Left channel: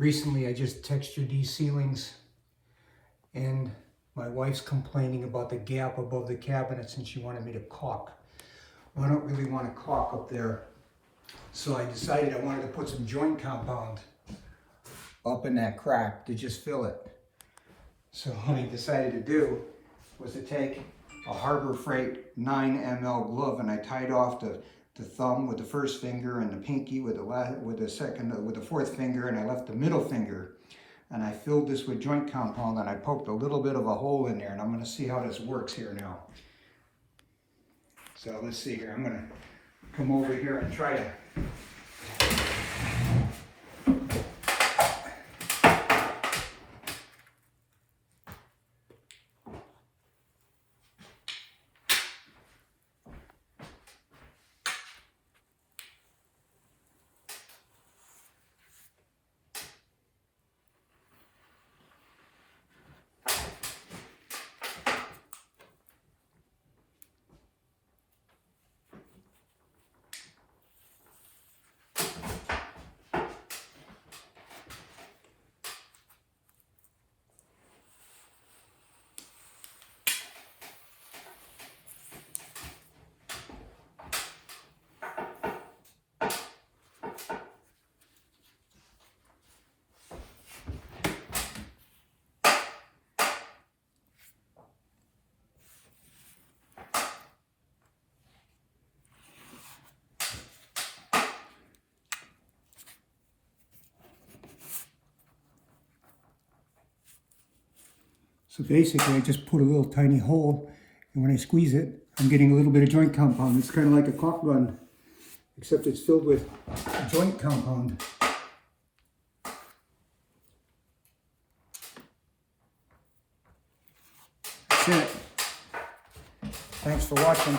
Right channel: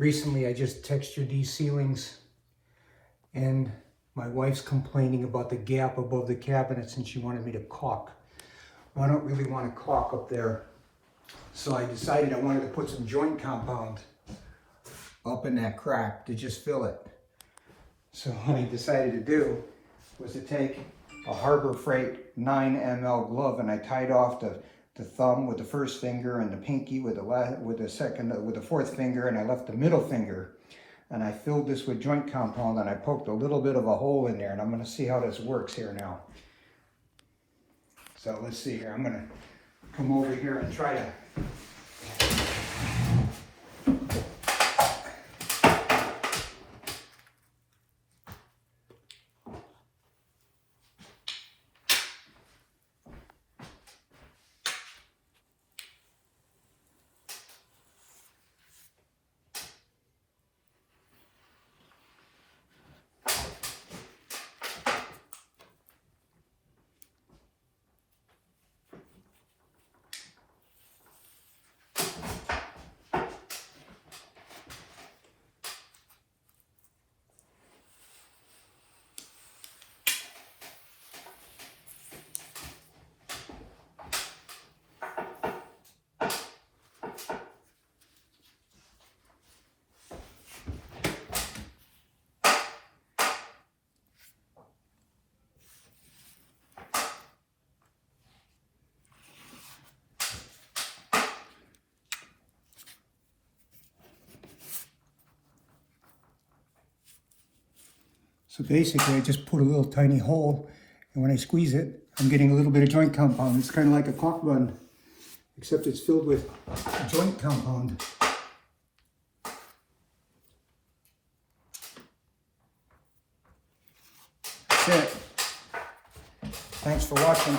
Recently, I just textured these ceilings, and my wife's complaining about the gap above the cabinets, and she wanted me to caulk. Well, I don't really want to caulk up there, so I decided I wanted to put some joint compound up in that crack to just fill it. So what I decided to do was to take a Harbor Freight 9 ml glove, and I tied off the thumb with the first finger and the pinky with the fourth finger, and I left the middle finger, and I filled this with joint compound, and I poked a little bit of a hole in there, and I'm going to see how this works here now. So let's see here. I'm going to come over here and try to So basically, I just put a little tiny hole, and when I squeeze it, I'm getting a little bit of joint compound. It's kind of like a caulk gun, except it's filled with joint compound. That's it. Thanks for watching.